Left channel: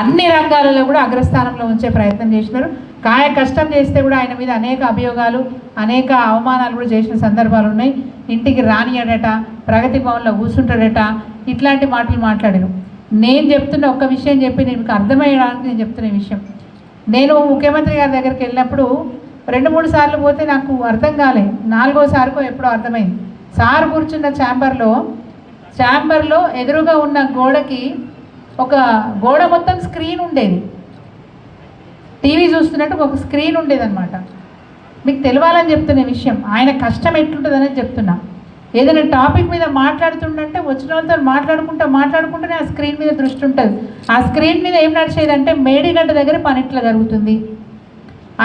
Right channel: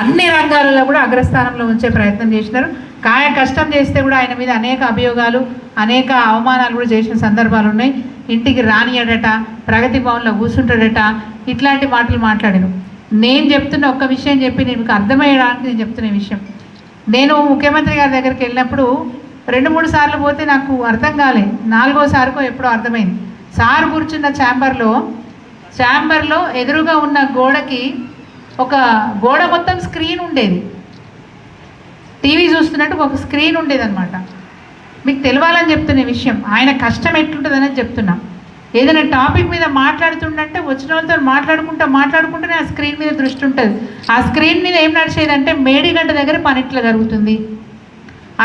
అన్ని రంగాలలో కూడా అగ్రస్థానంలో ఉంచే ప్రయత్నం చేసినారు. కాయ కష్టం చేస్తే కూడా ఆయన మీద అనేక అభియోగాలు, అనేక అవమానాలు కూడా చేసిన సందర్భాలు ఉన్నాయి. ఇంటికి రానియడట, ప్రగతి భవన్లో కూర్చుంటాడట, ఇట్లాంటి మాటలు మాట్లాడాను. నేను చెప్తున్న ఒక్క విషయం చెప్పి మీకు అర్థమయ్యడానికి నేను చెప్తున్న విషయం, నేను ముఖ్యమంత్రి గారి దగ్గరికి వెళ్ళినప్పుడు 2-3 సార్లు పోతే నాకు అర్థం కాలే, 4వ సార్కో ఎప్పుడో అర్థమైంది. సార్ కూర్చున్న ఛాంబర్లో ఎదురుగా ఉన్న గోడకి ఒక గోడ మొత్తం స్క్రీన్ ఉండేది, టీవీ చూస్తున్నట్టు ఒక స్క్రీన్ ఉండేది అనమాట. మీకు తెలవాలని చెప్తున్న విషయం, ఆయన కష్టం ఎట్లుంటుందని చెప్తున్నా. ఏదైనా టాపిక్ మీద మాట్లాడుతుండంటే వచ్చిన వాళ్ళతో మాట్లాడుకుంటూనే ఆ స్క్రీన్ మీద దృష్టి ఉంటుంది. ఆ స్క్రీన్ మీద ఏం నడిచేదంటే మేడిగడ్డ దగ్గర పని ఇట్లా జరుగుతుంది,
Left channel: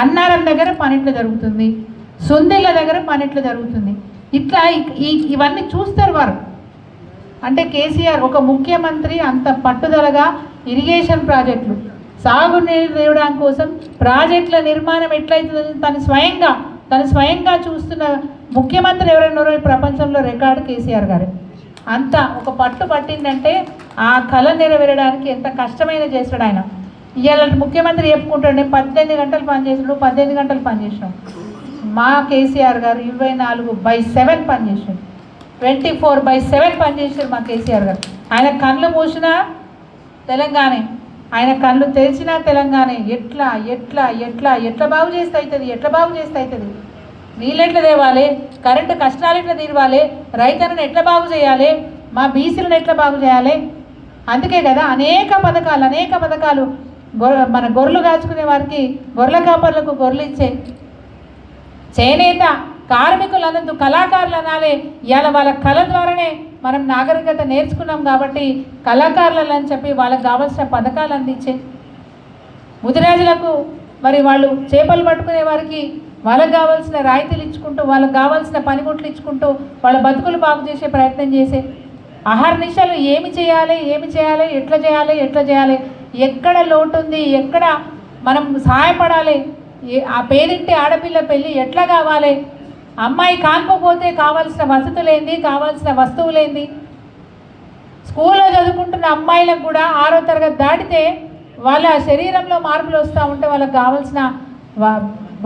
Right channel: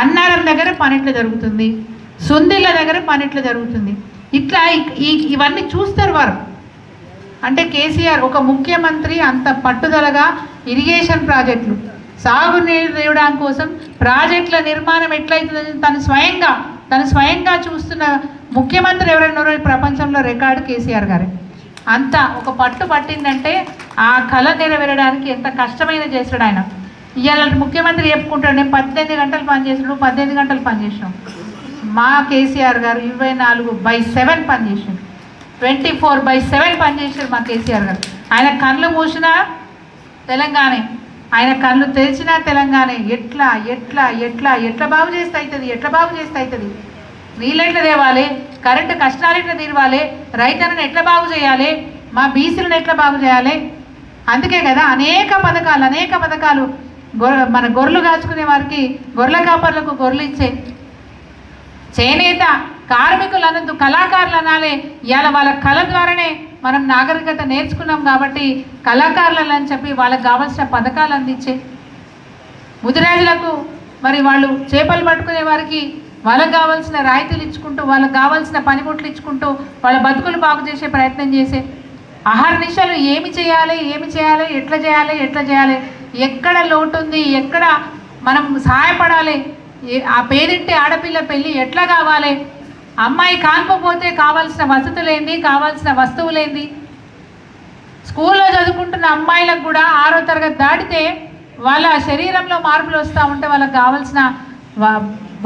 అన్నారం దగ్గర పని ఇట్లా జరుగుతుంది, సుందిళ్ళ దగ్గర పని ఇట్లా జరుగుతుంది, ఇట్లా ఇవన్నీ చూస్తారు వారు. అంటే కేసీఆర్ ఒక ముఖ్యమంత్రి అంత పట్టుదలగా ఇరిగేషన్ ప్రాజెక్టులు, సాగునీరు తేవడం కోసం ప్రాజెక్టుల నిర్మాణం ఎట్లయితుందని తను స్వయంగా చూస్తున్న ముఖ్యమంత్రి ఎవరన్నారో ఈ ప్రపంచంలో రికార్డు కేసీఆర్ గారే. అంత ఒక పట్టు పట్టిందంటే ఆ కళ నెరవేరడానికి ఎంత కష్టమైన చేశాడు ఆయన. ఇవాళ ముఖ్యమంత్రి చెప్పుకుంటాడు, నేను 18 గంటలు పనిచేసాడు, 18 గంటలు పనిచేసాం. మా కేసీఆర్ గారు 24/7 పనిచేసాడు, 24/7 పనిచేసాడు మా కేసీఆర్ గారు. ఆయన కళ్ళు మూసినా తెలంగాణ, ఆయన కళ్ళు తెరిచినా తెలంగాణ. ఎట్లా బాగు చేస్తే అవుతుంది, నీళ్ళు ఎట్లా తేవాలి, కరెంటు కష్టాలు ఎట్లా తీరవాలి, రైతులను ఎట్లా బాగు చేయాలి, మా బీసీలను ఎట్లా బాగు చేయాలి. అందుకే కదా అనేక పథకాలు మన గొర్రెలు కాచుకునే వారికి, గొర్రెల కాపర్లకు గొర్రెలు ఇచ్చే చేనేత కార్మికులు అనందు కళాకారులు అనాలి. ఇవాళ వాళ్ళ కళ ద్వారానే మనం నాగరికత నేర్చుకున్నాం కాబట్టి కళాకారులు అని చెప్పి వాళ్ళకి కావాల్సిన పథకాలు అందించే, ముదిరాజులకు మరి వాళ్ళు చేపలు పట్టుకునే వారికి వాళ్ళకి కావాల్సిన రాయితీలు ఇచ్చుకుంటూ, వాళ్ళకి కావాల్సిన పనిముట్లు ఇచ్చుకుంటూ వాళ్ళ బతుకులు బాగు చేసే ప్రయత్నం చేసే అహర్నిశలు ఏమి చేయాలి, ఎట్లా చేయాలి, ఎక్కడ లోటు ఉంది, ఎక్కడ మనం సహాయపడాలి, ఆ పేరింటి ఆడపిల్ల పెళ్ళి ఎట్లా కావాలి, అమ్మాయి కానుకోపోతే కావాల్సిన వసతులేంది, కావాల్సిన వస్తువులేంది, స్కూల్లో చదువుకుంటున్న అమ్మాయిలకు కూడా 6వ తరగతి దాటితే వాళ్ళ శరీరంలో మార్పులు వస్తూ ఉంటే వాళ్ళకి కావాల్సిన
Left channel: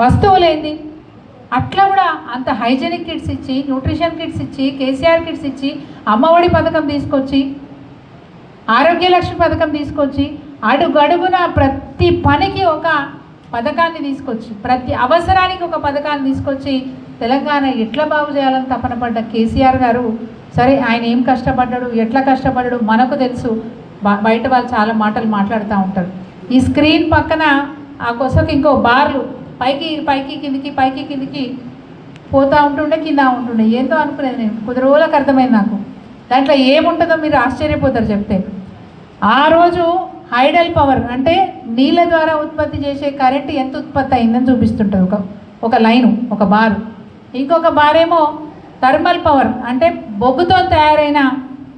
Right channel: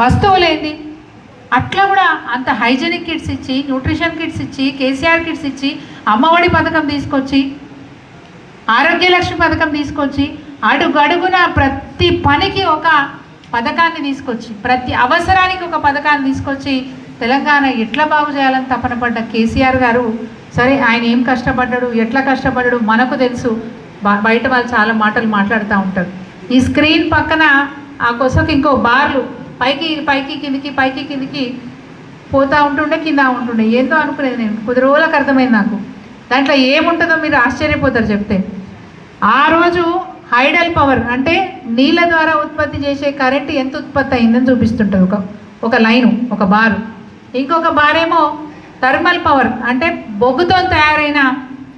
వస్తువులేంది. అట్లా కూడా అంత హైజెనిక్ కిట్స్ ఇచ్చి, న్యూట్రిషన్ కిట్స్ ఇచ్చి, కేసీఆర్ కిట్స్ ఇచ్చి, అమ్మఒడి పథకం తీసుకొచ్చి, ఆరోగ్యలక్ష్మి పథకం తీసుకొచ్చి, అడుగడుగున ప్రతి పనికి ఒక పథకాన్ని తీసుకొచ్చి, ప్రతి అవసరానికి ఒక పథకాన్ని తీసుకొచ్చి తెలంగాణ ఎట్లా బాగు చేయాలని తపన పడ్డ కేసీఆర్ గారు. సరే ఆయన ఏం కష్టపడ్డాడు, ఎట్లా కష్టపడ్డాడు మనకు తెలుసు. బయట వాళ్ళు చాలా మాటలు మాట్లాడుతూ ఉంటారు. ఈ స్క్రీన్ పక్కన ఆ కొసకు ఇంకో బార్లు పైకి కిందికి పోతూ ఉంటుండే, కింద ఉంటుండే. ఏందో అనుకునేది నేను, కొద్ది రోజులకు అర్థమైంది నాకు. దాంట్లో ఏముంటుందో మీరు ఆశ్చర్యపోతారు చెప్తే. ఆ రోజు హైడల్ పవర్ అంటే నీళ్ళ ద్వారా ఉత్పత్తి చేసే కరెంటు ఎంత ఉత్పత్తి అయిందని చూపిస్తుంటుంది ఒక లైను, ఒక బారు. ఇంకొక బారేమో థర్మల్ పవర్ అంటే బొగ్గుతో తయారైన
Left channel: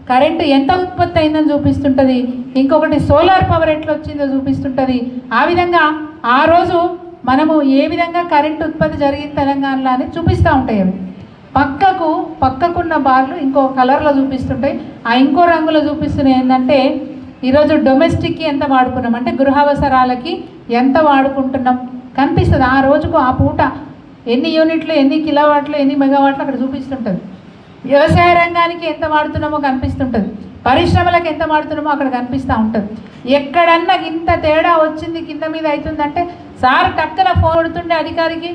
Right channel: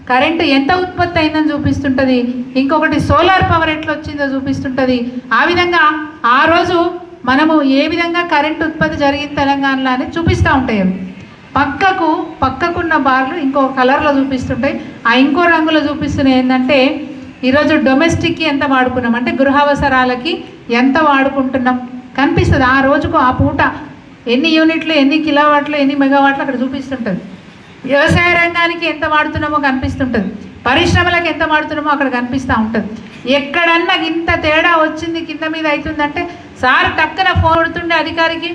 కరెంటు ఎంత ఉత్పత్తి అయిందని చూపిస్తుంటుంది. ఇంకొకటి సోలార్ పవర్ ఎట్లా వచ్చిందో చూపిస్తుంటుంది. ఆ విధంగా ఆ రోజు మనము ఏ విధంగా కరెంటు ఉత్పత్తి జరిగింది తెలంగాణలో అని చూపిస్తూ ఉంటాయి. అవి పక్కకున్న బార్లు ఇంకో కలర్లో చూపిస్తుంటాయి. ఆ ఇంకో రంగులో చూపిస్తున్నాయి ఏంటంటే ఈరోజు డొమెస్టిక్కి ఎంత వాడుకున్నాం అంటే గృహావసరాలకి ఎంత వాడుకుంటున్నాం కనిపిస్తుంది. ఆ రోజుకు ఆ పూట ఎన్ని యూనిట్లు, ఎన్ని కిలోవాట్లు, ఎన్ని మెగావాట్లు అక్కడ చూపిస్తుంటుంది. వ్యవసాయ రంగానికి ఎంత వాడుతున్నామో కనిపిస్తుంటుంది, పరిశ్రమలకు ఎంత వాడుతున్నామో అక్కడ కనిపిస్తూ ఉంటుంది. ఎక్కడన్నా ఇంత తేడా వచ్చింది కింద మీద అవుతుందంటే సార్ టక్కన ఫోన్ కొడుతుండే అధికారికి,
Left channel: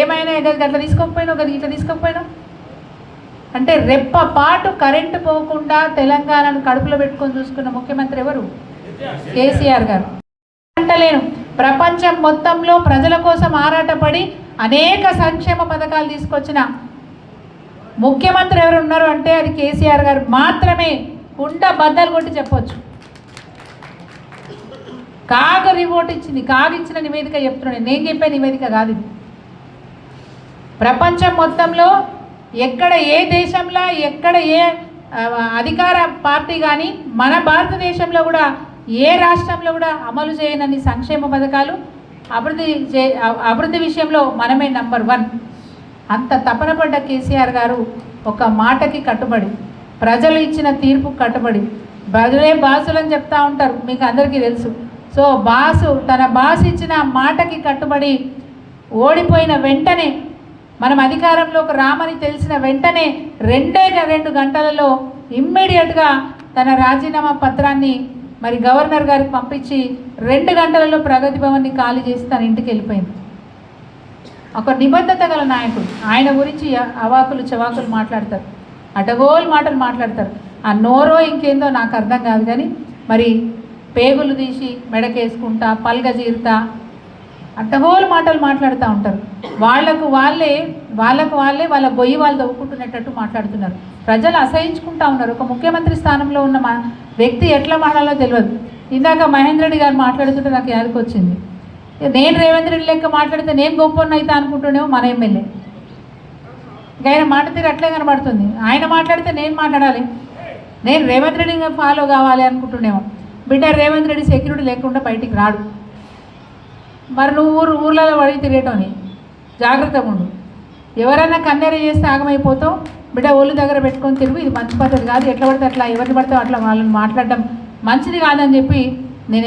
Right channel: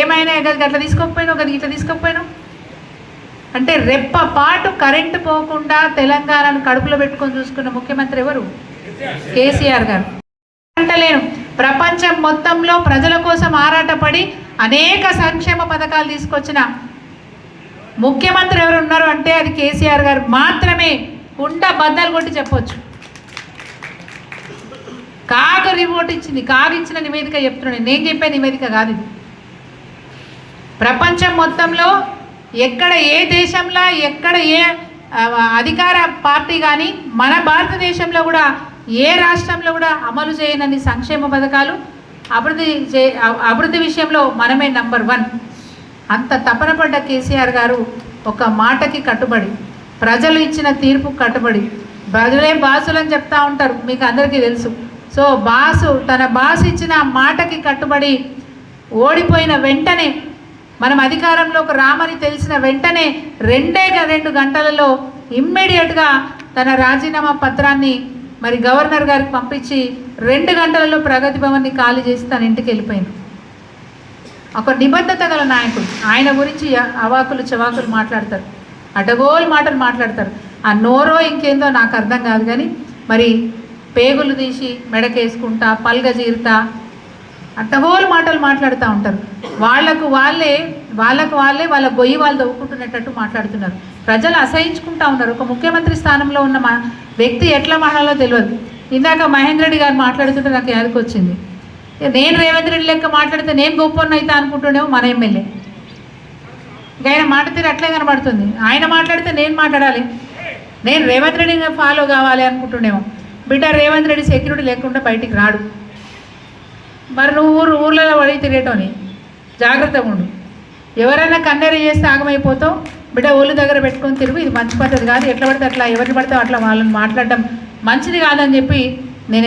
ఏమైనా అట్లా తీసుకోకపోయినావు అంటే రెప్పపాటు కరెంటు పోకుండా తెలంగాణను కడుపులో పెట్టుకొని చూసుకున్న ముఖ్యమంత్రి ఎవరు? కేసీఆర్ గారు. అంటలేను, ప్రపంచం మొత్తంలో ప్రజల కోసం ఆరాటపడి అనేక సంక్షేమ పథకాలు తీసుకొచ్చిన ముఖ్యమంత్రి ఎవరు ఉన్నారు అంటే అది కేసీఆర్ గారు మాత్రమే. కుండ బద్దలు కొట్టి చెప్పొచ్చు. కాగు రిపోర్ట్ ఇచ్చింది, కాగు ఇచ్చిన నివేదిక చెప్తున్నాను, నేను చెప్పే నివేదిక కాదు ఇది. ప్రపంచం మొత్తంలో ఎక్కడ ఏ దేశంలో ఎక్కడ ఏ అధికార పార్టీ కానీ మన భారతదేశంలో కూడా ఏ రాష్ట్రంలో కూడా అమలు చేయనని సంక్షేమ పథకాలు, అభివృద్ధి విషయంలో మనమే నంబర్ 1. అంత తపన పడ్డ కేసీఆర్ గారు ఒక మాటకి కట్టుబడి, ప్రజలు ఇచ్చిన తీర్పు కట్టుబడి, బదులే బాసులని చెప్తా ఉంటారు, మీకు అందరికీ తెలుసు. సో తన బాస్ ఇచ్చిన మాటకి కట్టుబడి ఓడిపోయిన వెంటనే, మనం అధికారంలోకి రామని తెలిసిన వెంటనే 2 గంటలలో ఇమ్మీడియట్గా తన రాజీనామా పత్రాన్ని మరి గవర్నర్ గారికి పంపించి 2 గంటలలో ప్రగతి భవన్ని ఖాళీ చేసి తన ఇంటికి వెళ్ళిపోయింది. ఒక నిబద్ధత గల నాయకుడు. ఆయన గురించి అవాకులు చవాకులు మాట్లాడతారు, అడగోలు మాటలు మాట్లాడతారు. ఆ నోరో ఇంకేందో నాకు అర్థం కాదు, కానీ మరి పేగులు తీసి మెడకేసుకుంటా, పల్గ జీరుతా, అడ్డగోలు మాటలు మాట్లాడుతూ ఉంటారు. వాళ్ళకు వాళ్ళే వాళ్ళ గొయ్యి వాళ్ళు తవ్వుకుంటున్నట్టు మాట్లాడుతున్నారు. ప్రజలు అసహించుకుంటా ఉన్నారు. ఒక ముఖ్యమంత్రి స్థానంలో ఉన్న వ్యక్తి ఎట్లా మాట్లాడాలో తెలియదు. ఇందాక మహేందర్ రెడ్డి గారు మాట్లాడుతుంటే నాకు యాదకొచ్చింది. నేను రేవంత్ రెడ్డి లెక్క మాట్లాడితే నేను గొప్పన్న అయితే అనుకుంటున్నామో మన ఎమ్మెల్యే. ఇంకా ఆయన మాట తీరు అట్లే కనబడుతుంది. ఆయన మాట్లాడితే నేను మాట్లాడాలి, నేను రేవంత్ రెడ్డిని ఫాలో కావాలి అనుకుంటున్నామో. బిడ్డ, రేవంత్ రెడ్డి సెక్యూరిటీ లేకుండా బయటికి రాడు. మరి నువ్వు ఊర్లలో పడి తిరిగేటోని జాగ్రత్తగా ఉండు. ఎవరైనా కన్నెర చేస్తే ఆగమైపోతావు బిడ్డ. ఒళ్ళు దగ్గర పెట్టుకొని తిరుగు. ఇది మంచి పద్ధతి కాదు. ఎట్లా పడితే అట్లా, ఎవరిని పడితే అట్లా వాళ్ళని మాట్లాడడం మంచిది కాదని చెప్పి నేను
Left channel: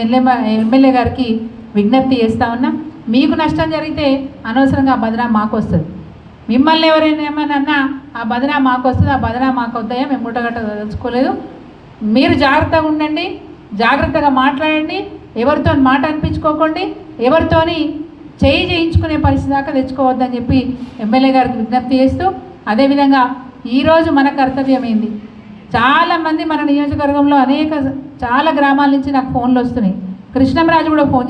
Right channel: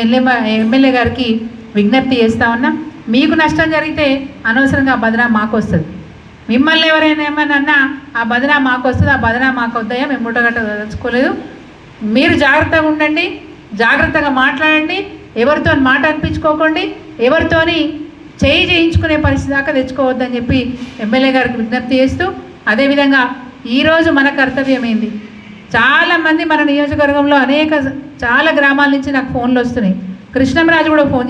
ఎమ్మెల్యే గారికి విజ్ఞప్తి చేస్తా ఉన్నా. మీకు నష్టం జరిగితే అనవసరంగా ఆ బదనా మాకు వస్తుంది. మిమ్మల్ని ఎవరైనా ఏమన్నా ఆ బదనా మాకు వస్తుంది, ఆ బదనా మాకు వద్దాయా, మేము ముట్టగట్ట తెలుసుకోలేదు. మీరు జాగ్రత్తగా ఉండండి, జాగ్రత్తగా మాట్లాడండి. ఎవరితో మాట అనిపించుకోకండి, ఎవరితోని చేయి చేయించుకునే పరిస్థితి దాకా తెచ్చుకోవద్దని చెప్పి ఎమ్మెల్యే గారికి విజ్ఞప్తి చేస్తూ, అదేవిధంగా ఈరోజు మన కర్తవ్యం ఏంది? చాలామంది మన నియోజకవర్గంలో చాలా గ్రామాల నుంచి నాకు ఫోన్లు వస్తున్నాయి. కృష్ణంరాజు కూడా ఫోన్